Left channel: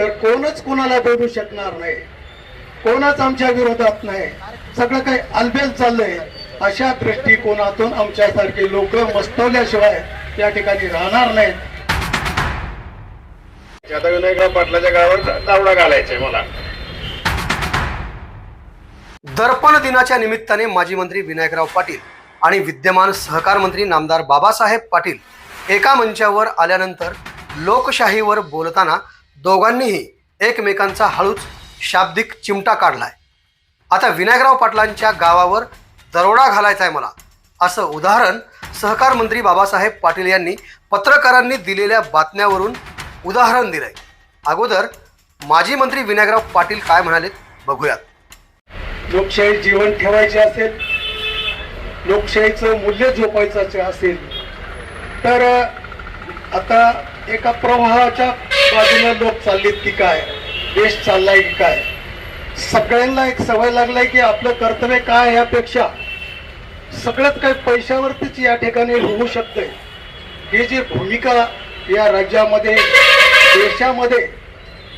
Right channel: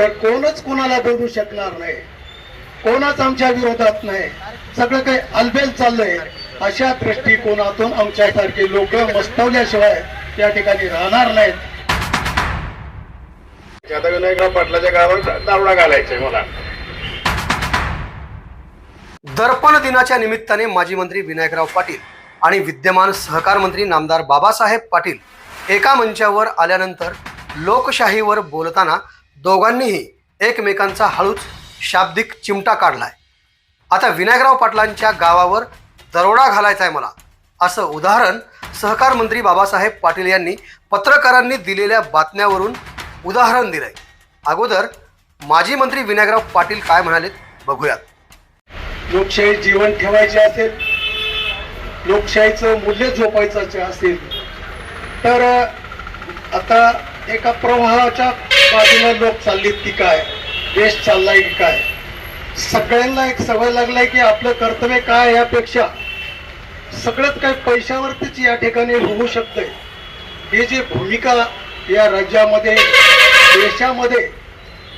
तर कोणच कोणाला बोलू शकणार नाही, कोणच आमच्या विरोधात नाही, सगळं काही अलबेल चाललंय. अशा दृष्टिकोनातून आमच्यासारखे लोक मस्तवल्याशिवाय या ठिकाणी राहणार नाहीत. आता विनायकराव पाटलाच्या गावावर दावडा घालायचंय मला. दर्पण दिनाच्या निमित्ताने माजी मंत्री विनायकराव पाटील आणि विद्यमान सहकार मंत्री नामदार बाबासाहेब पाटील एका मंचावर आल्यानंतर लोकशाहीवर बोलताना दोघांनीही एकमेकांचा हळूच शाब्दिक चिमटा काढलाय. आता विनायकराव पाटलांच्या गावावर दरोडा घालायचा आहे मला, असं उदाहरण सहकार मंत्री बाबासाहेब पाटील यांनी पत्रकारांनी दिलेल्या बातम्यावरून उदाहरण दिलंय. अगोदर माजी मंत्री विनायकराव पाटील काय म्हणालेत बघूयात. लोकशाही जीवन ठेवायची असेल, लोकशाहीचं मूल्य जोपायचं असेल तर आता एका प्रवाहाच्या बाजूला लोक चाललेत की काय, देश चाललाय की काय. सगळ्यांना एक सवय लागलाय की आपलं कर्तव्य काय यापेक्षा सगळंच काही पैशावरतीच या ठिकाणी होऊ शकतंय. ही जी भूमिका या राज्यामध्ये देशामध्ये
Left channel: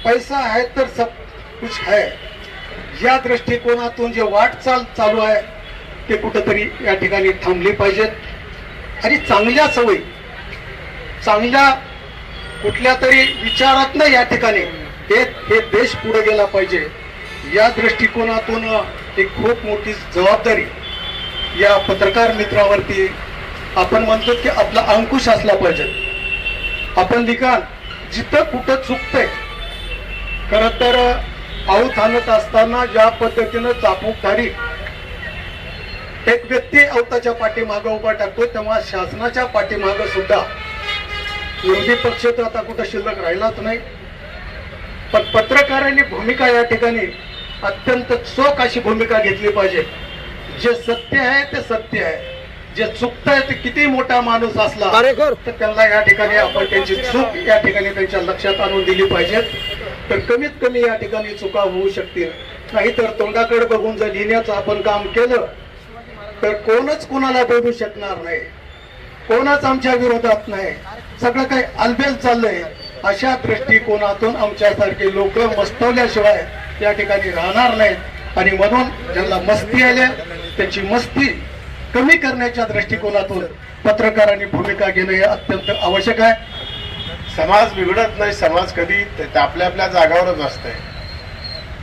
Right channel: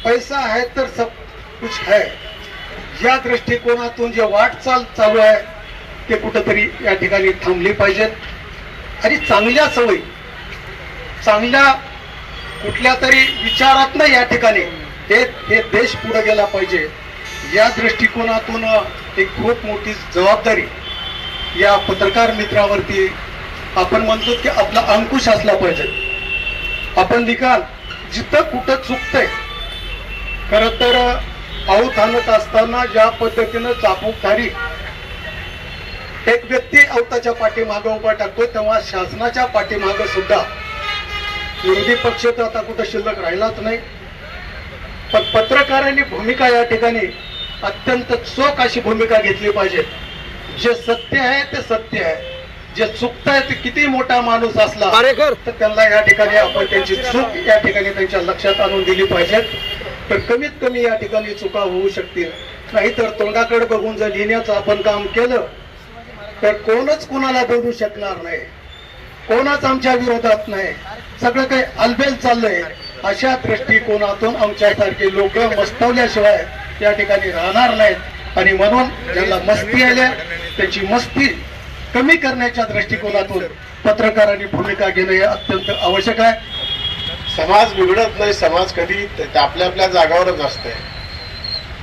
पैसा आहे तर सब कुछ है या दृष्टिकोनातून जे वाटचाल चालू आहे ते कुठंतरी या ठिकाणी थांबली पाहिजेत. आणि चांगल्या सवयी, चांगल्या कुठल्या तरी विचारात नाही या ठिकाणी हे देश पुढे गेला पाहिजे. या दृष्टिकोनातून एक खूप मोठी जबाबदारी या पत्रकार मित्रावरती आपण म्हणतो की आपला अंकुश असला पाहिजे. आपण लिखाण जिथं कुठं चुकतंय, खरं तर आऊत आणत असताना ज्या पद्धतीनं चापूकधारी एक व्यक्ती अवताच्या पाठीमागे उभा टाकतो तेव्हा शासनाच्या पाठीमागे सुद्धा विरोधी पक्ष तर आता कुठं शिल्लक राहिलाच नाही. पण पत्रकारांनी भूमिका या ठिकाणी अत्यंत चोख अशी भूमिका घेतली पाहिजे. जे सत्य आहे ते सत्य आहे, जे चुकत आहे ते किती मोठा माणूस असला तर त्यांना या ठिकाणी आपण त्यांची चूक या ठिकाणी त्यांच्या लक्षात आणून दिली पाहिजे. तर कमीत कमी या ठिकाणी चुका होऊ शकतील. नाहीतर तोंडाकडे बघून जर लिहिण्याचं आपण काम केलं तर कोणच कोणाला बोलू शकणार नाही, कोणच आमच्या विरोधात नाही, सगळं काही अलबेल चाललंय. अशा दृष्टिकोनातून आमच्यासारखे लोक मस्तवल्याशिवाय या ठिकाणी राहणार नाहीत. आणि म्हणून ज्यांना मस्ती आल्या त्याची मस्ती कमी करण्याच्या दृष्टिकोनातून पत्रकारांनी भूमिका घेणं हे अत्यंत आवश्यक आहे. समाज बिघडत नाही, समाज कधी आपल्या आपल्या जागावरच असतंय.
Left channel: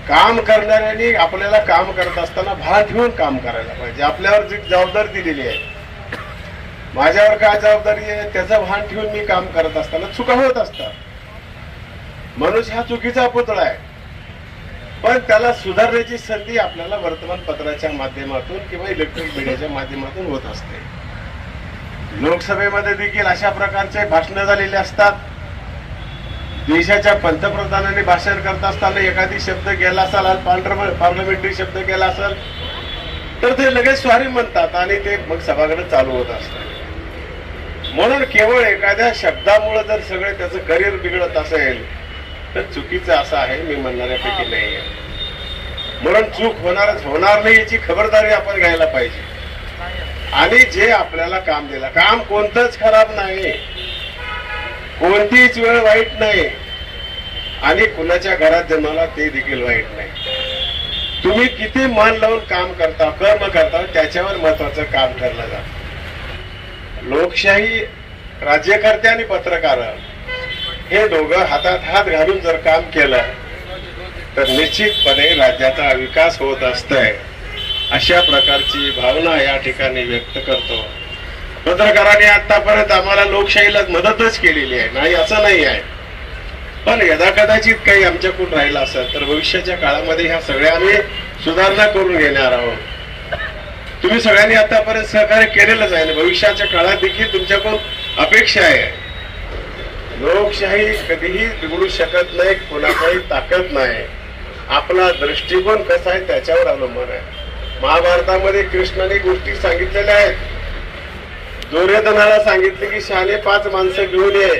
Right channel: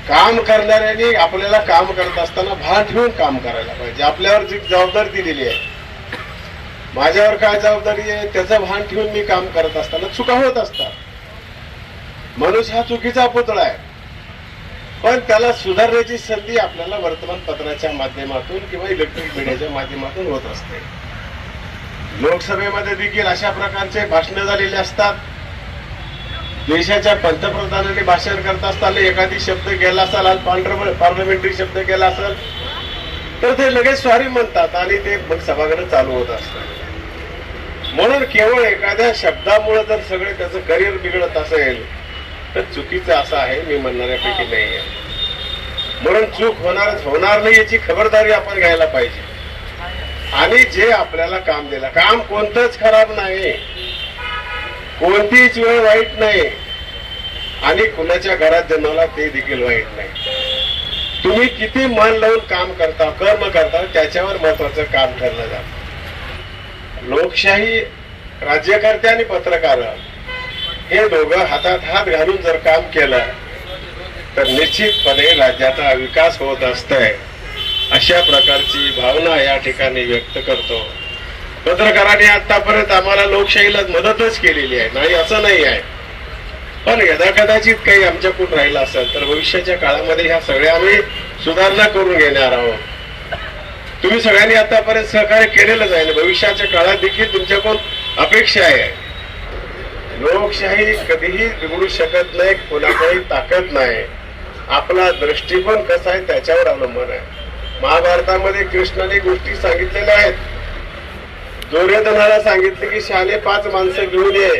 काम करणाऱ्यांनी आपल्याला काम करत असताना भान ठेवून काम करायला पाहिजे. आपल्यावर जी जबाबदारी दिलेली आहे, माझ्यावर काय जबाबदारी आहे त्याचं भान ठेवून मी काम करत असताना चुका होत असतात. मनुष्य हा चुकीचा पुतळा आहे, पण त्याला सुधारण्याची संधी आपल्याला वर्तमानपत्राच्या माध्यमातून किंवा इलेक्ट्रॉनिक मीडियाच्या माध्यमातून होत असते. लोकसभेमध्ये देखील अशा प्रकारचे भाषणं झालेले असतात. देशाच्या पंतप्रधानांनी भाषण करत असताना एखादी शब्द गेला असाल, पार्लमेंटरी शब्द गेला असेल तर ते लगेच सॉरी म्हणतात आणि ते मग सभागृह चालू होत असतात. म्हणून केवळ एखाद्या शब्दामुळे जर सगळे त्याचं करिअर बिघडत असेल तर चुकीचं असं आहे, मी म्हणणाऱ्यापैकी नाही आहे. म्हणून चूक होणार नाही याची खबरदारी आपण घ्यायला पाहिजे. आणि जे आपल्याला काम दिलं, काम कोणतंच खराब नाही, कोणतीच वेळ वाईट नाही आणि कुणाच्या घरात जन्माला ते देखील वाईट नाही. तुम्ही किती मन लावून काम करता, कर्म करता त्याच्यावर महत्वाचं काम ठरलं जातं. लोकशाही, राज्यकर्ते आणि पत्रकार हे दोघं हातात हात घालून जर काम केलं तर निश्चितपणे राज्याचा विकास होत असतोय. अशा प्रकारची भावना या ठिकाणी व्यक्त करतो. पत्रकारांनी आतापर्यंत आम्हाला लोकशाहीला मदतच केलेली आहे, नाही असं नाही आहे. पण यदाकदाचित काही आमच्याकडून राहिलं असेल तर भविष्याच्या काळामध्ये ह्या सगळ्या आम्ही सुधारणा करून घेणार आहोत. तुम्ही सगळ्यांनी आतापर्यंत सहकार्य केलेलंच आहे, भविष्याच्या काळात देखील तुमच्याकडून अपेक्षा आहे. लोकशाही कधीही बिघडू शकत नाही, कोणाकडे ताकद नाही. आपला दृष्टिकोन कसा आहे त्याच्यावर अवलंबून आहे. महाभारतामध्ये कृष्णाने गोष्टी सांगितलेल्या आहेत. दुर्योधनाला सांगितले की शहाणे 5 माणसं घेऊन ये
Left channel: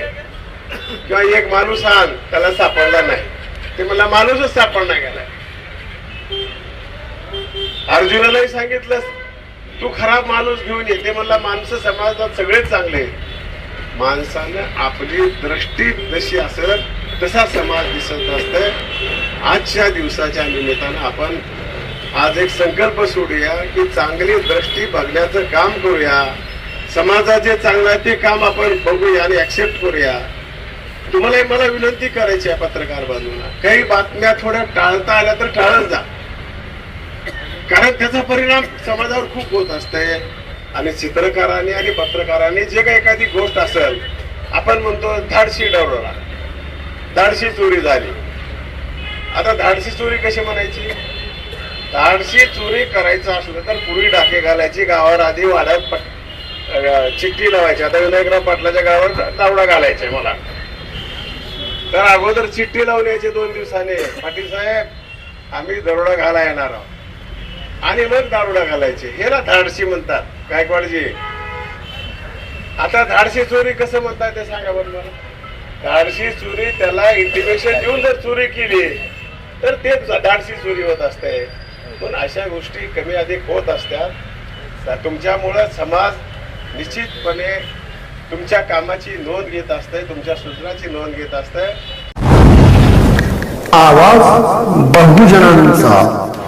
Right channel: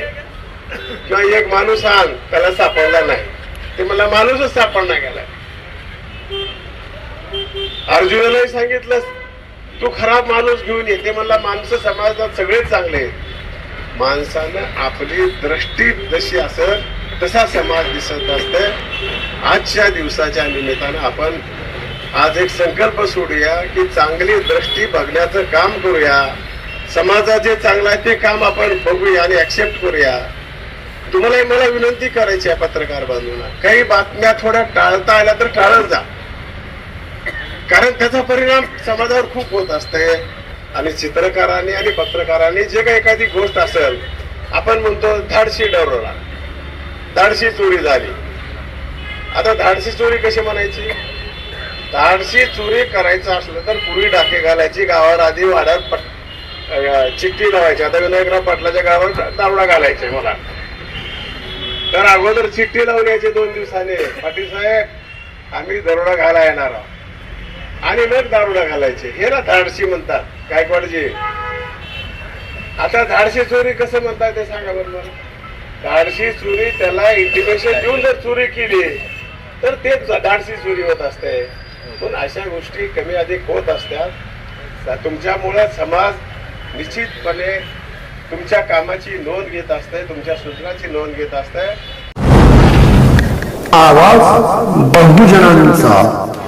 किंवा एक माणूस आण, त्याला सापडला नाही, ते मला माणूसच सापडला गेला. अर्जुनालाही सांगितलं तू खराब माणूस घेऊन ये, ते मला माणसं समाजात सगळेच चांगले. माणसानं आपली दृष्टी जशी असेल कसा समाज दिसत असते. आजच्या दिवसाच्या निमित्तानं आपण आज एक संकल्प सोडूया की चांगली दृष्टी बघण्याचं काम करूया. समाजाचे चांगलं आहे ते काम आपण बघूया आणि ऍक्सेप्ट करूया. तुम्हाला मला विनंती करायची आहे पत्रकार बांधूंना, काही बातम्या थोड्या टाळता आल्या तर टाळत जा, कारण त्याचा परिणाम समाजावर खूप होत असते. आणि चित्रकारांनी आणि पत्रकारांनी जे काही एखादी गोष्ट असेल, आपण म्हणतो धाडशी दरोडा, धाडशी चोरी झाली. आता धाडशी चोरी कशी म्हणायची? धाडशी चोरी करायचं असलं तर पूर्वी डाके घालायची, गावावर आधी वाड्यात चिठ्ठी लावायची. आता विनायकराव पाटलाच्या गावावर दावडा घालायचे मला, तर अगोदर चिठ्ठी लावून यायची 2 दिवसाने, पाटील साहेब आम्ही दरोडा घाला येणार आहोत, आणि मग दारोडा घालायचे. हे ना धाडशी म्हणतात गायकवाडजी. आता धाडशी चोरी कसं म्हणताय ते सांगा बरं मला. धाडशी चोरी त्याला इंटिमेशन देऊन जर चोरी केली तर ते धाडशी चोरी होत असते. पण अशा गोष्टी कमी अधिक होत असतात. तुमच्यामुळं समाज निश्चितपणे तुमच्या कामाची नोंद घेत असते, तुमच्या सूचनाची नोंद घेत असते. आवाज बहुजनांचा.